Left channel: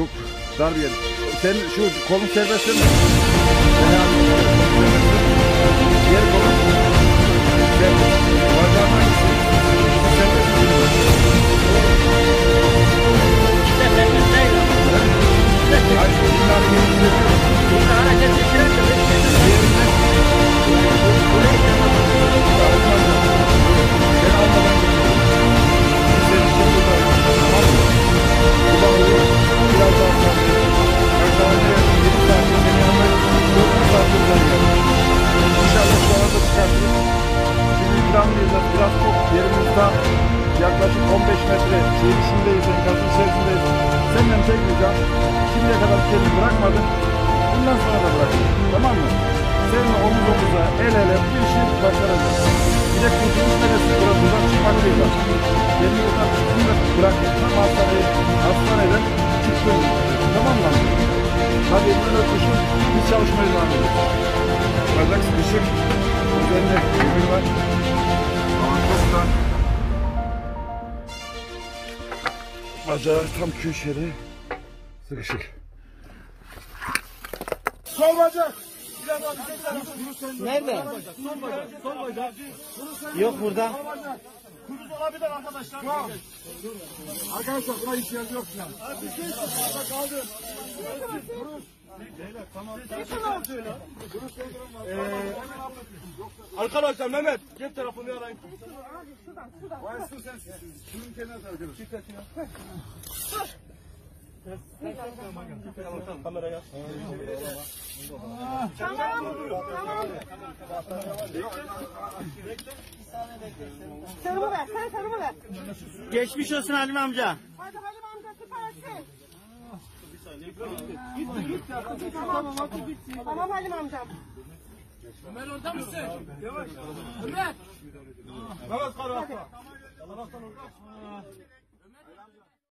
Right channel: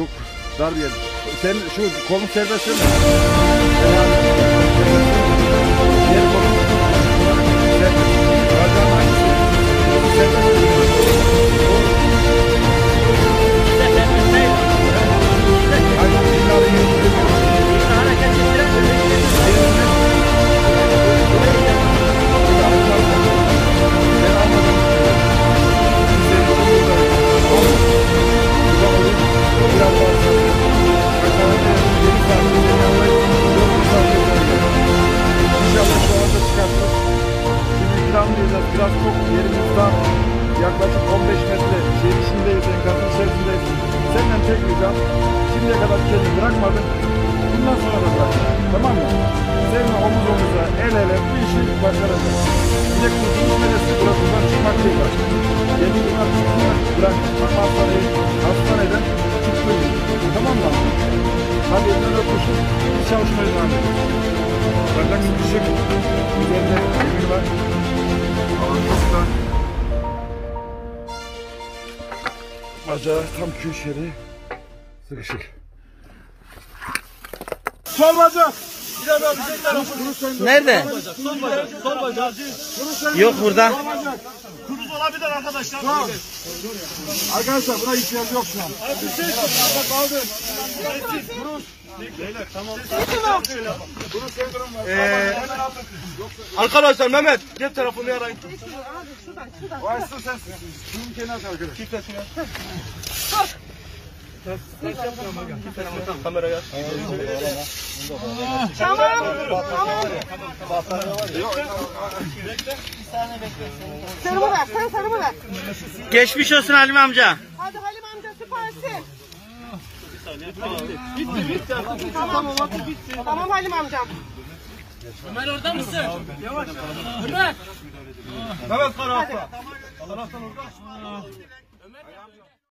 Çok dar bir yer. Sen şu kolun serbest mi? Yani diğer kolun serbest. Bacağın hangisi? Serbest mi? İşte serbest değil ama. Hayır, illa yetiştiremiyor. İlla hareket ettiremiyor. Diğerine şimdi alacağım. Ben almadan gidiyorum. Senin için buradayım. Tamam mı? Buradan oluyor. Biraz daha sabret. Aşağıda 7 saatte beni yanına 4 saatte daha geldim. İnşallah şu arada çıkartırız. Şimdi ikramlayacağız. Biraz çok yerimizden yaklaşık 15 metre şehir içindeyiz, enkazın içerisindeyiz. Senden tek ricam, şimdiye kadar kendini bırakmadın. Bundan sonra da bırakma. Tamam mı? Seninle omuz omuza, el ele bu işi başaracağız. Bir de kurtuluş neresi? Burası buradan çıkmak değil bak. Kendini buradan çıktığında bırakma. Tam hastaneden çıktın. Tamam mı? Hadi elinden öpüşün. Biz çalışmaya devam ediyoruz. Bacak sıkışık. Üzerinde demir var. Alan çok da. Bacağı tam köşeli. Sıkışık. Sol bacak. Nerede? Sol bacak. Yok burada. Kuruz olabilir arkadaşlar. Arkadaşlar buna ihtiyaç yok şu an. Kaldı. Arkadaşlar Mehmet cep telefonu arayın. O açsın sensin. Şunun kenarına arkadaş. Kimsesin ya? Kameraya. Sarımı ver, sen sarımı ver. Geçmiş olsun Halim amca. Hadi Halim amca süpersin. Bitti. Tamam Halim amcam. Ömer orada mısın? Yavaş. Ömer. Mehmet Karahan. Taraftan orada.